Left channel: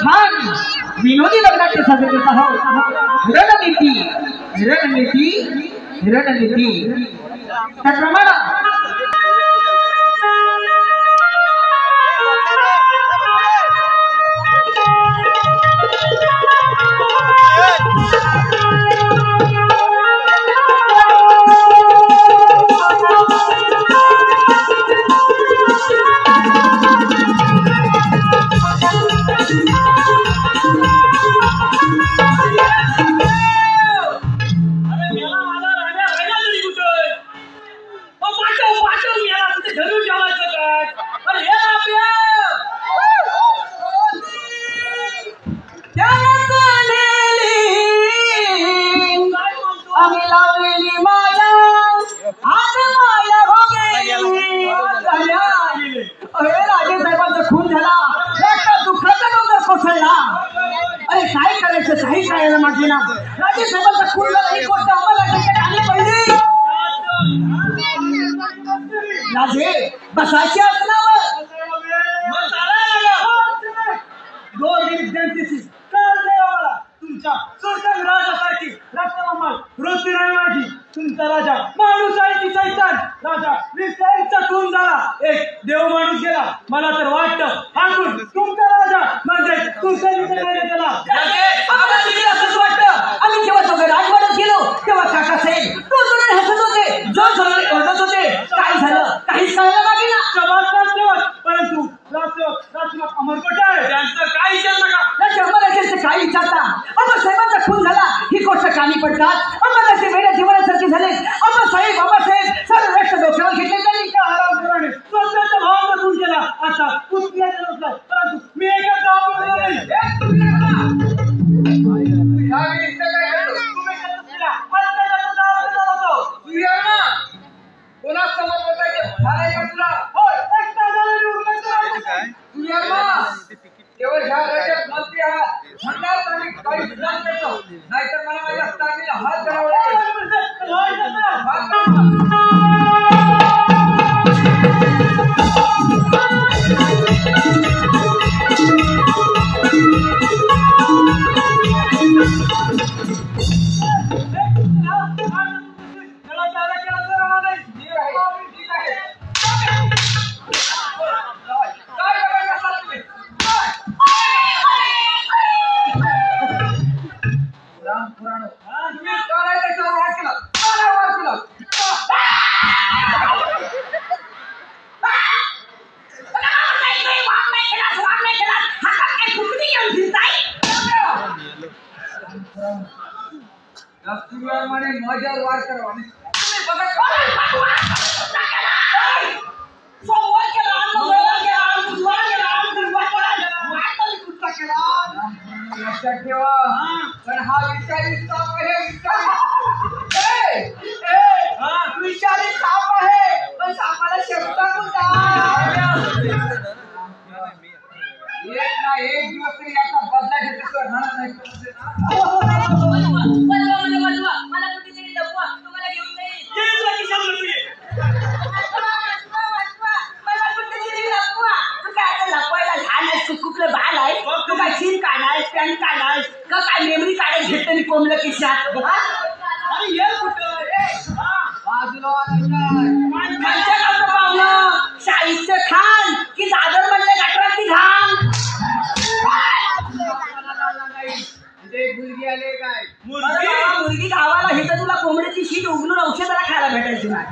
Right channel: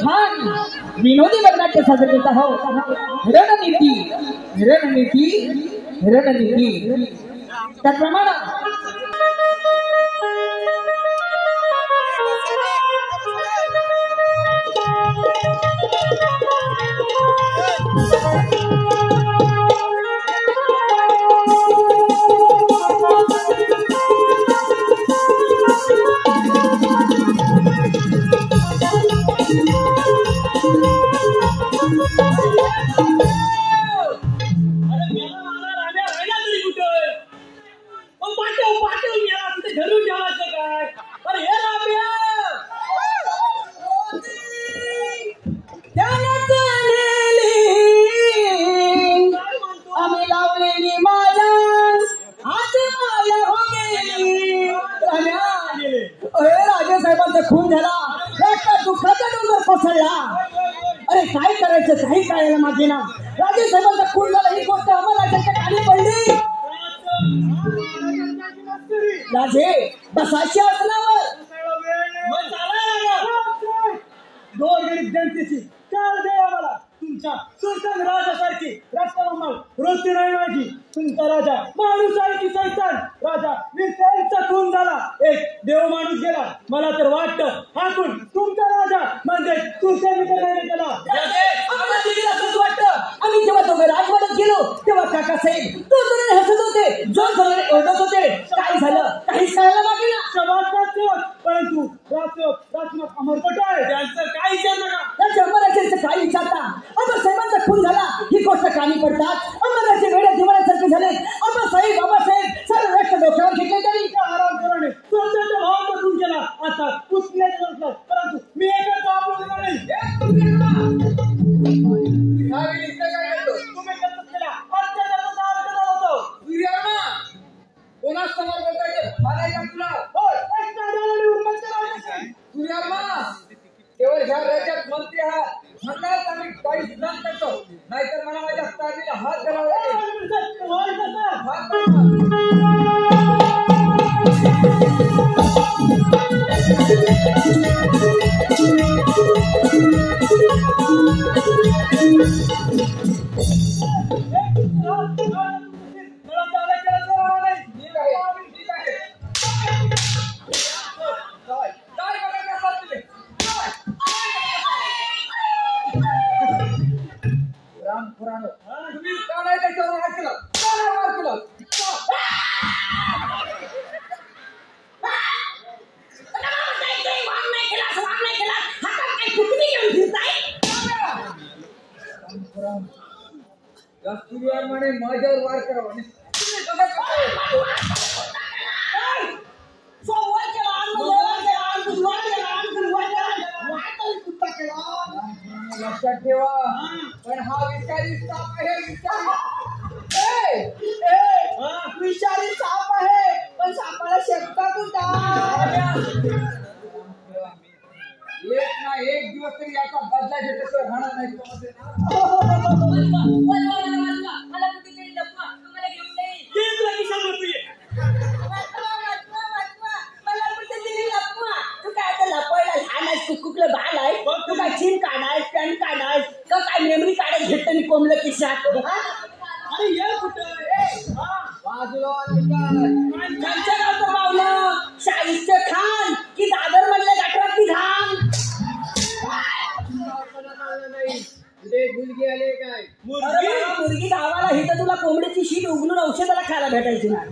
छान विनोदी लग्नाचे साजरे करत आहोत। रणनीती रणनीती रणनीती त्याप्रमाणे खून झाला दुःखाचा डोंगर कोसळला। अरे काय करायचं काही कळायला माझे ना राजे साहेबांचा खून झाला ही गोष्ट आम्हाला कानी पडली। राजे बसायचे असल्यावर तुमच्या सुलतान राजासारखी राष्ट्रमंडळ रोटी नाही माझी तुमचा राजा माणूस आहे की सैतान राजा विषयांचा खून झाला एक देव माणूस गेला मला तर वाटतं हातून तुमचा राजा म्हणजे सुलतान त्याला असंच वाटतं। आम्ही जेव्हा दोघे राजवाड्यात गेलो तेव्हा काका साहेब तो जोराने हसत होते जोर जोराने ओरडत होते काय झालं काहीच कळायला मागे ना परंतु राजसेवक अमरकोटे आहे त्यांचं काय विचार नका त्यांच्या अमराचे काय विचारता अमर साहेबांचा खून झाला ही गोष्ट कानी पडतात अमराचे वेड्या दिवाळ्यासारखे झाले बाबासाहेब सर्व राष्ट्र डोक्यावर घेतले त्यांनी का आराम स्वतःच्या भावाचा खून केला आता पुतण्याचा नसला परंतु मी एकच केवळ ह्या राज्यात मंत्री आहात म्हणणार आम्ही काही विधान करतो नाहीतर मला माझ्या तारीला हात धरावा म्हणे माझ्यावर वार करावा तुम्ही बघत लक्षात ठेवा पण हा विषारी साप आहे विषारी साप आहे पण सापाला शब्द एक ना एक दिवस तरी याचा बदला घेतल्याशिवाय राहणार नाही मला कुठेतरी लपवा तुम्हाला घेऊन जाईल मला कुठेतरी लपवा तू काय आता लपवायला लहान आहेस कुकलं बाल आहे तू काय चीन काढायस पॅन काढायस का काय मेमरी काढायला घेतलं मी कोंबलं खिशात अरे ये कुठं बाजूला त्यांच्या गावचं पावलं शाहिस्ते खान की दादर मधल्या गटरातली घाण मुलगी आले काय मुलगी गावाला हे तर तुला कोंबड्याची शीट उघडून औषधाला खायला भेटायची नाही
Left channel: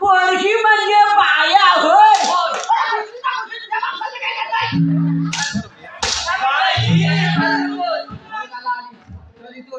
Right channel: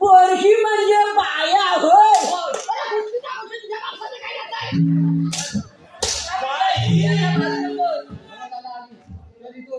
पोरगी म्हणजे बाया होय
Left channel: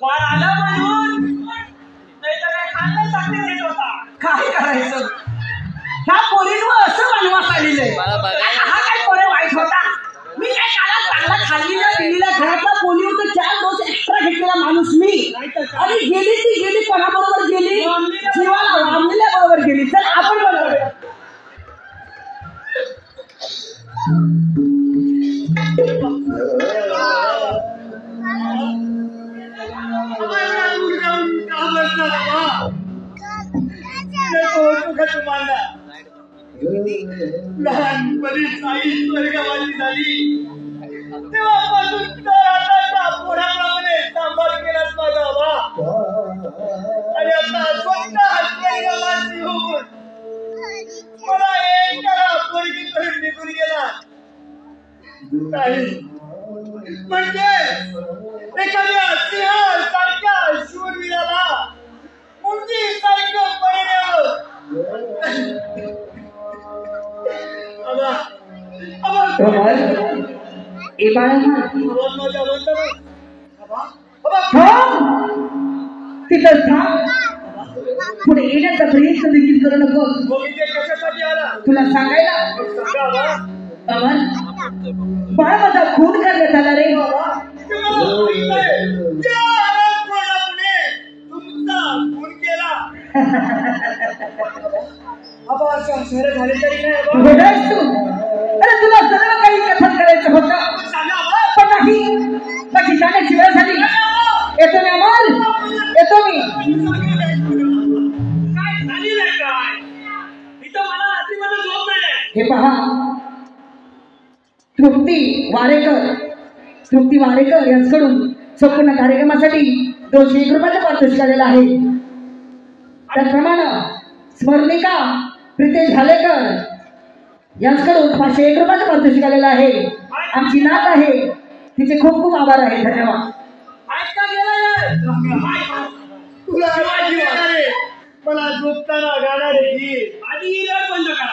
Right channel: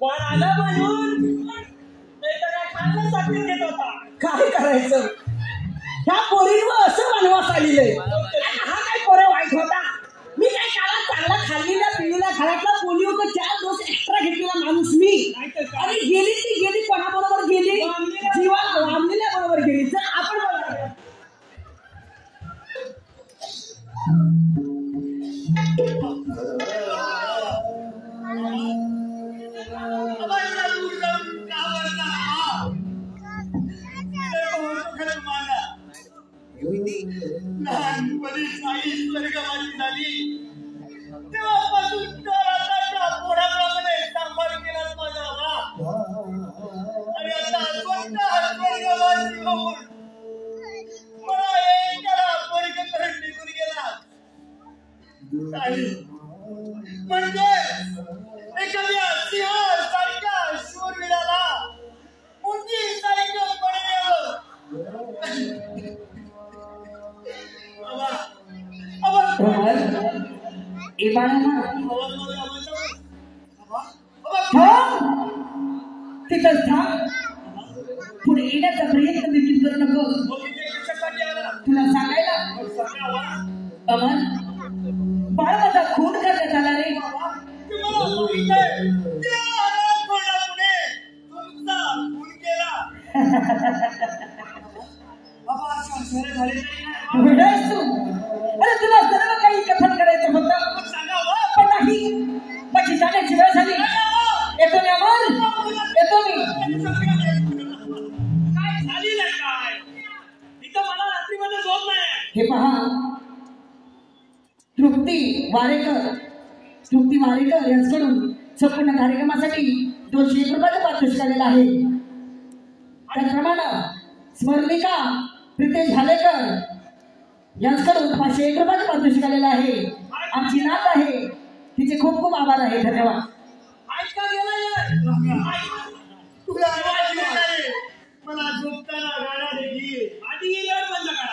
बाळ आलं म्हणून काय करायचं ह्या पोरींवर असं वनवास आलेलं हा काय पोरे वाईट होता मी काय काला चांगला खाल्लीला पिल्लीला घरातला पोलिओ तर 4 डोस एक्स्ट्रा घेतलेला माणूस मी आणि गेली ती गेली कोणाबरोबर गेली जीवाला वामलेल्या बरोबर गेली चल आपण बरोबर लहानपणीच आई स्वर्गवासी झाली तेव्हापासून पोराप्रमाणे सांभाळ केलाच माझा बाबा आणि आता स्वतः स्वर्गवासी होऊन मला एकाला पोरगी करून निघून गेला म्हणजे एखाद्या सिंहासारख्या शूरवीराला मुंगी सारखं परिणाम तिथं थांब पुढे येण्याचा प्रयत्न देखील करू नको तुला सांगायला अमर बाळा माझा खून करण्यात आला रे अरे तुला सर्व काही कथन करायचं होतं पण नाही माझी जाण्याची वेळ झाली येतो मी अमर येतो मी हे पहा तृप्ती वारेकर यांच्याकडून संपूर्ण कार्यक्रमासाठी 201 रुपयाचं पारितोषिक आलेलं आहे त्याचप्रमाणे स्मरणिका प्रितेश भालेकर यांच्याकडून 501 रुपयाचं पारितोषिक आलेलं आहे आमची नात आहे तिचे खूप खूप आभार आहे धन्यवाद मला झोपताना गाणारे गीत आधी बंद करा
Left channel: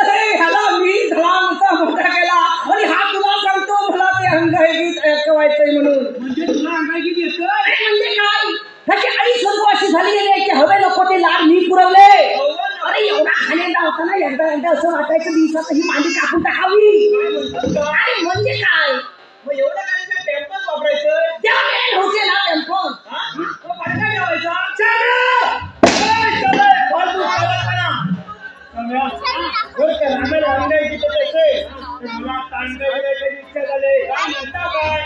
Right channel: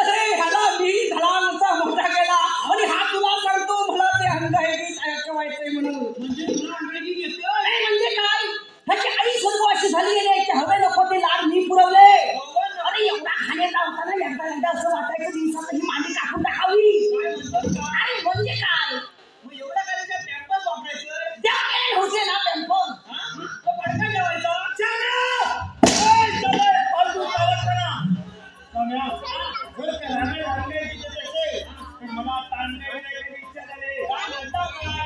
अरे ह्याला मी धडामचा मोठा केला आणि हा तुला सांगतो मला ते अंगाई गीत ऐकवायचंय म्हणून म्हणजे तुला अंगाई गीत येतं अरे म्हणजे काय त्याची आई स्वर्गवासी झाली गेली की हवे नको ते लाड मी पुरवले अरे एवढा खाण्याचा होता ना एकदा असं वाटायचं दिवसात ही मांडी कापून टाकावी अरे म्हणजे काय मग एवढं काय टेम्पल वापरायचं त्या होते ना टेम्पल तो पटका ठेवायचा मला तांडवायची इच्छा झाली काय म्हणता काय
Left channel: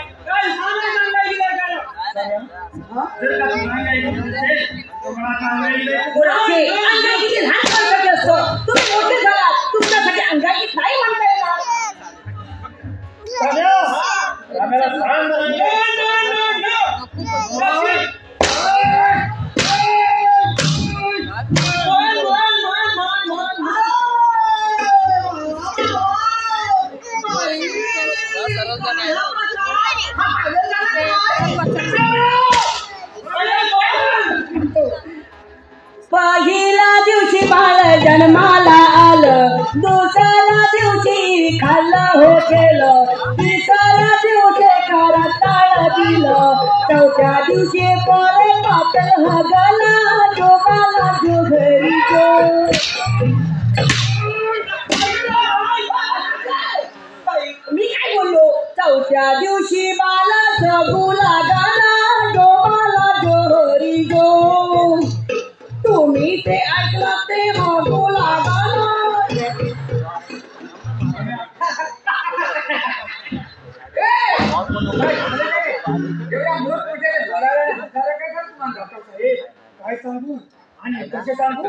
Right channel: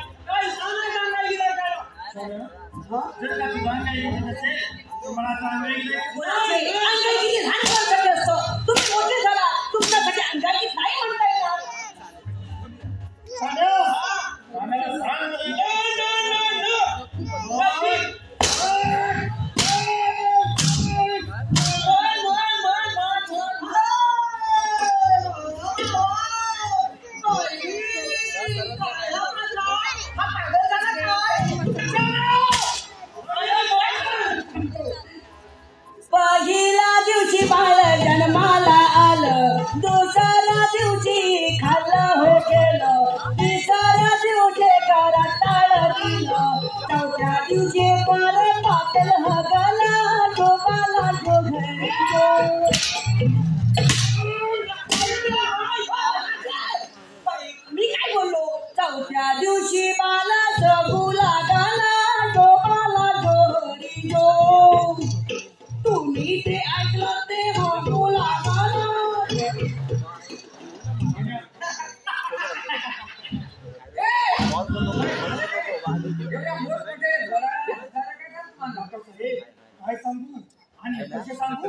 तुम्ही मोठे झाला तुमच्यासाठी अंगाई नाही म्हणता पहिला दिवशी बाळ जन्माला आलं दुसऱ्या दिवशी खाल्लं हो केलं तिसऱ्या दिवशी करताळ दिलं चौथ्या दिवशी पोरे पातळ हगला जोगाला जो घरी मी काय बोललो चौथ्या दिवशी बाला जगू लागला जोगाला जोहरी जो तुम्ही ते ऐकलं ते बघू लागला काय सांगू आणि कसे सांगू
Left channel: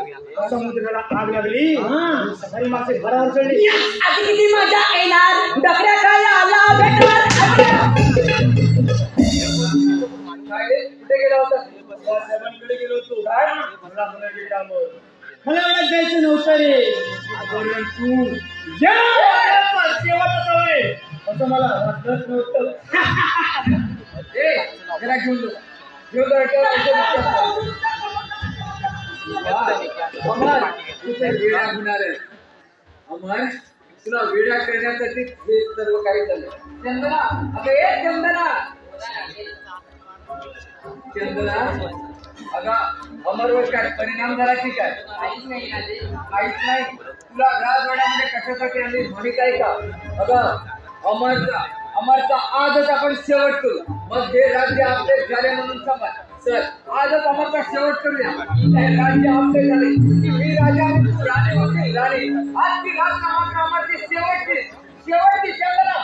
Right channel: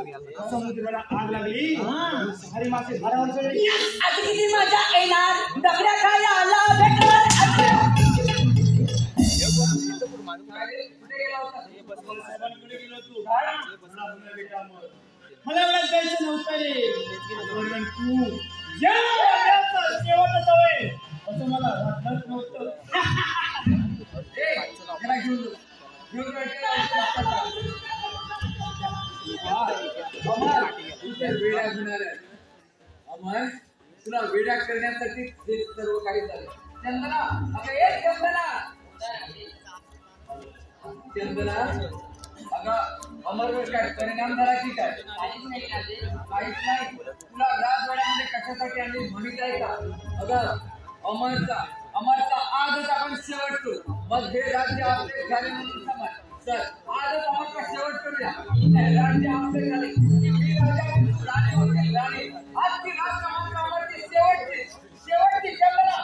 समुद्राला आग लागली सकाळी मासे घरावर चढली आधी किती मजा येणार डबऱ्या काय आला भेटवर कुठे गेला होता साहेबांकडे गेलो होतो काय मला एवढ्यात जायचं नव्हतं रे तू शेवटचा समय असं मला वाटलंच नव्हतं जरा घेऊन अमर तुला वेड्या करण्यासाठी हे सर्व काही झालं चंदना अगं एक चंदना अगं अमरवर काय परिणाम झाला की काय काहीच नाही तुला राजवाड्यामध्ये कशासाठी आणली माहित आहे का अगं अमरचा आजच आपण शेवट करू मग हे राज्य आपले झाले म्हणून समज सर आजच अमरचा शेवट करूया हे राज्य आपले झाले ही राजा आणि तू राणी होती राणी आज ती राजकामाची अमरची शेवटची चंदना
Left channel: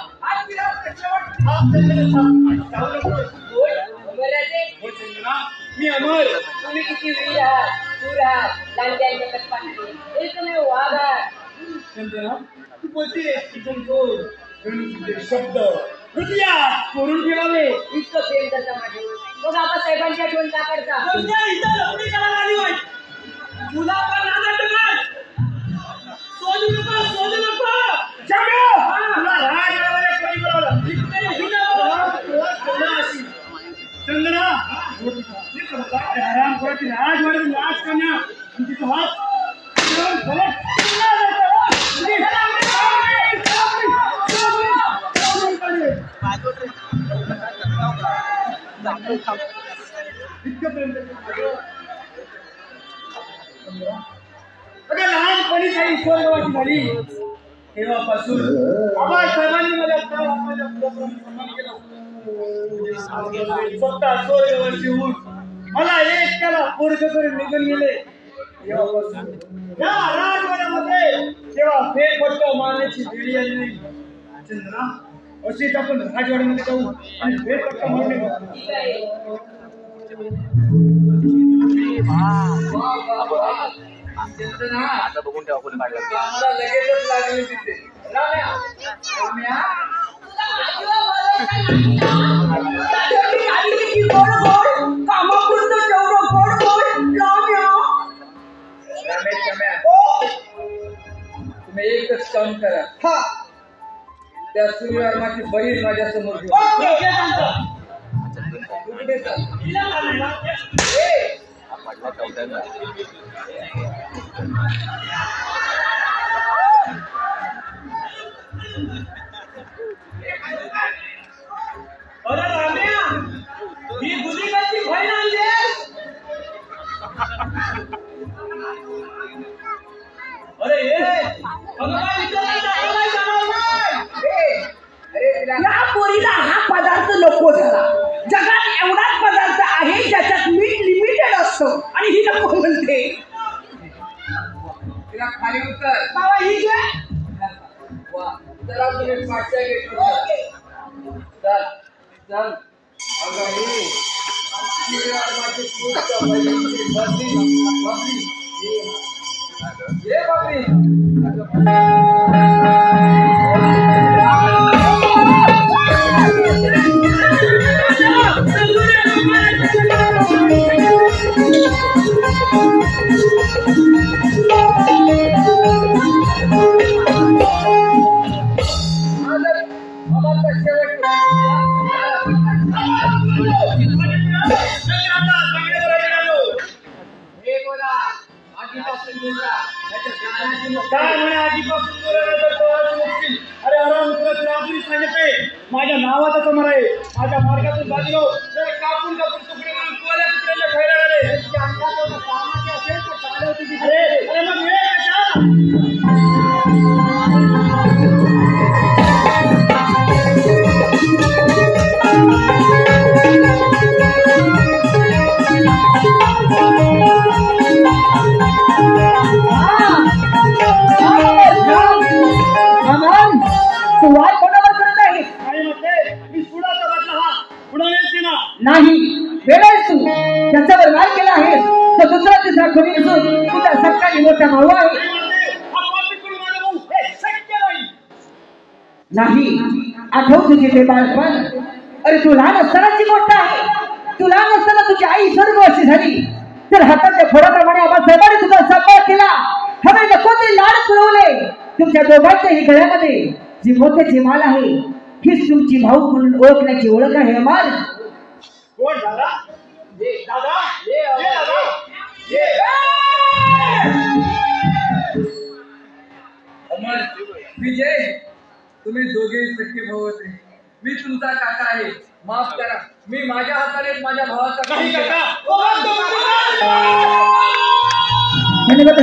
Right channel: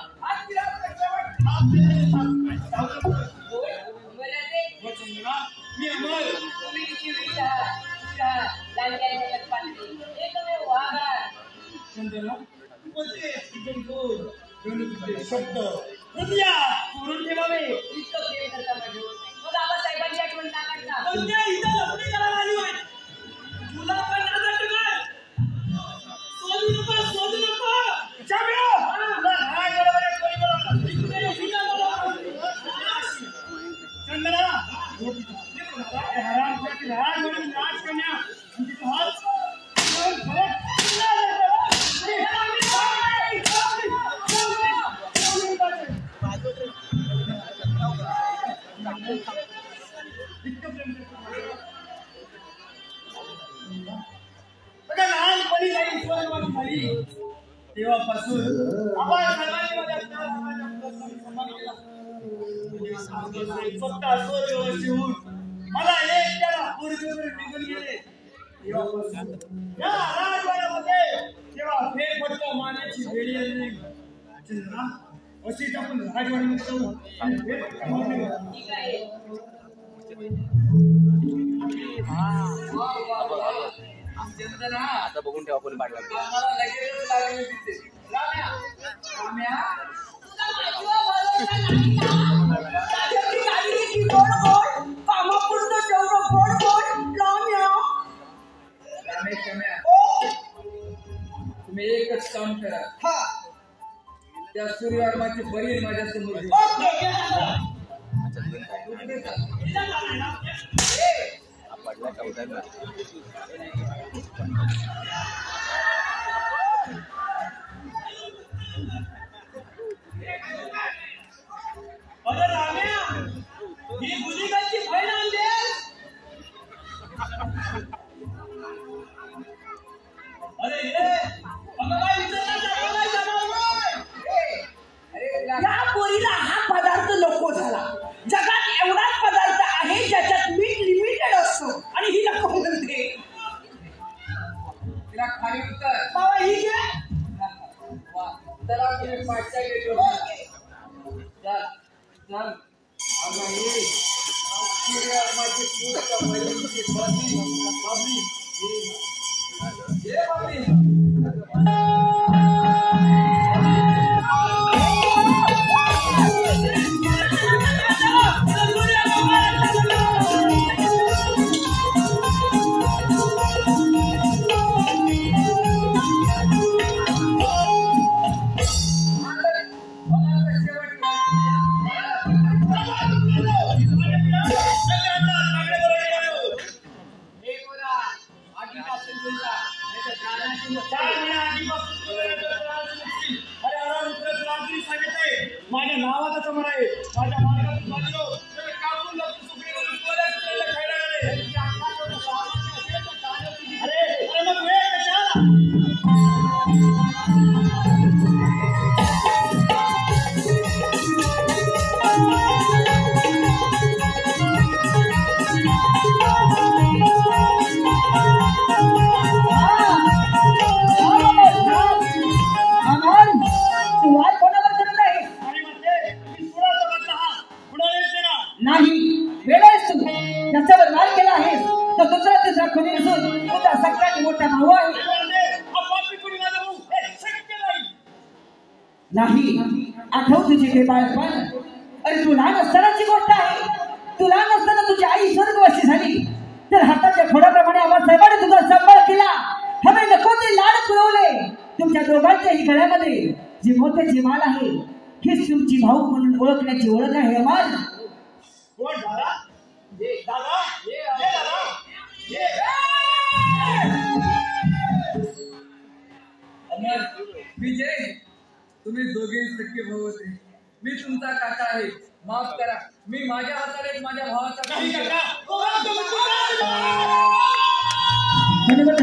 मी अमर. तुम्ही किती वीर आहात, शूर आहात, लांडग्यांच्या कटपांचे एकमेव वाघ आहात. चंद्रा तू बोलते शब्द हृदयात करून ठेवावे. इतकं प्रेम करता माझ्यावर मग आबासाहेबांच्या आठवण का करता? तुला पण आनंद नाही. सोडू नको तुला राजवाड्यामध्ये कोणी बोलावलं? चंद्रा हराम खोराची राजवाड्यात नाच करण्या आणि तिथं हात लहानपणी झाली स्वर्गवासी झाली तेव्हापासून आबासाहेबांनी मला सन्मान केला. स्वतः स्वर्गवासी होऊन मला एक त्याला पोरग करून निघून गेले. तेव्हापासून या राजवाड्यामध्ये तेव्हा फेरफटका मारण्याची वेळ आली नाही. चंद्रा अशीच आपण राजवाड्यामध्ये जाऊ आणि फेरफटका मारणे. आता बघून ठेवा कोणी काढलं. आम्हाला लगेचच लागले तिथे. राम्या तुम्ही एकच काम करा. त्या सूर्यवर्माची बहीण माझ्या समोर अरे राम्या ही गुन्हेगारची बहीण आणली. अरे या पोरीला हा पदार्थ नको झाला. जगात एवढाच पदार्थ आहे ज्याच्यात मीठ लिमिटेड असतो आणि ही नको म्हणते. तिला खाली उतर. बाबा ही जे वा चला तुम्ही पाठच्या गेटवर चल चल. अगं हे सूर्यवर्माची पूर्ण बहिणीची बदली ये बाबी. माझ्या नावाचा समोर आहे. माझ्या मार्गातून बाजूला कापून कापून सुकडे करून तुला तुला खायला लागले. सामान्य असेल तर चालवते. अरे मग वेळ नाही वेळ आहेस तू त्याच्यावर नाही केला आहेस तर दुसरा तिसरा कोणी असून तुझा सरकारी मोठा भाऊ आहे. नाही आठव तुझे ते बाळपण. अरे तू लहान असतानाची गोष्ट आहे. तू लहान असताना तुझी आई स्वर्गवासी झाली तर हाताच्या फोडाप्रमाणे आबासाहेबांनी तुझा सांभाळ केला. हवे कोणते लाड पुरवले. तुमच्या दोघांच्याही गळ्यामध्ये जी मोत्याची माल आहे हीच तुमची भाऊ म्हणून ओळखण्याची ओळख आहे. अमर कोण दादा? दादा अमर विजय तुम्ही दोघेही सख्खे भाऊ होते. मी तुमचा काका आहे. माफ करा. मी माझ्या हाताने माझ्या भावाचा काही केला. धन्यवाद.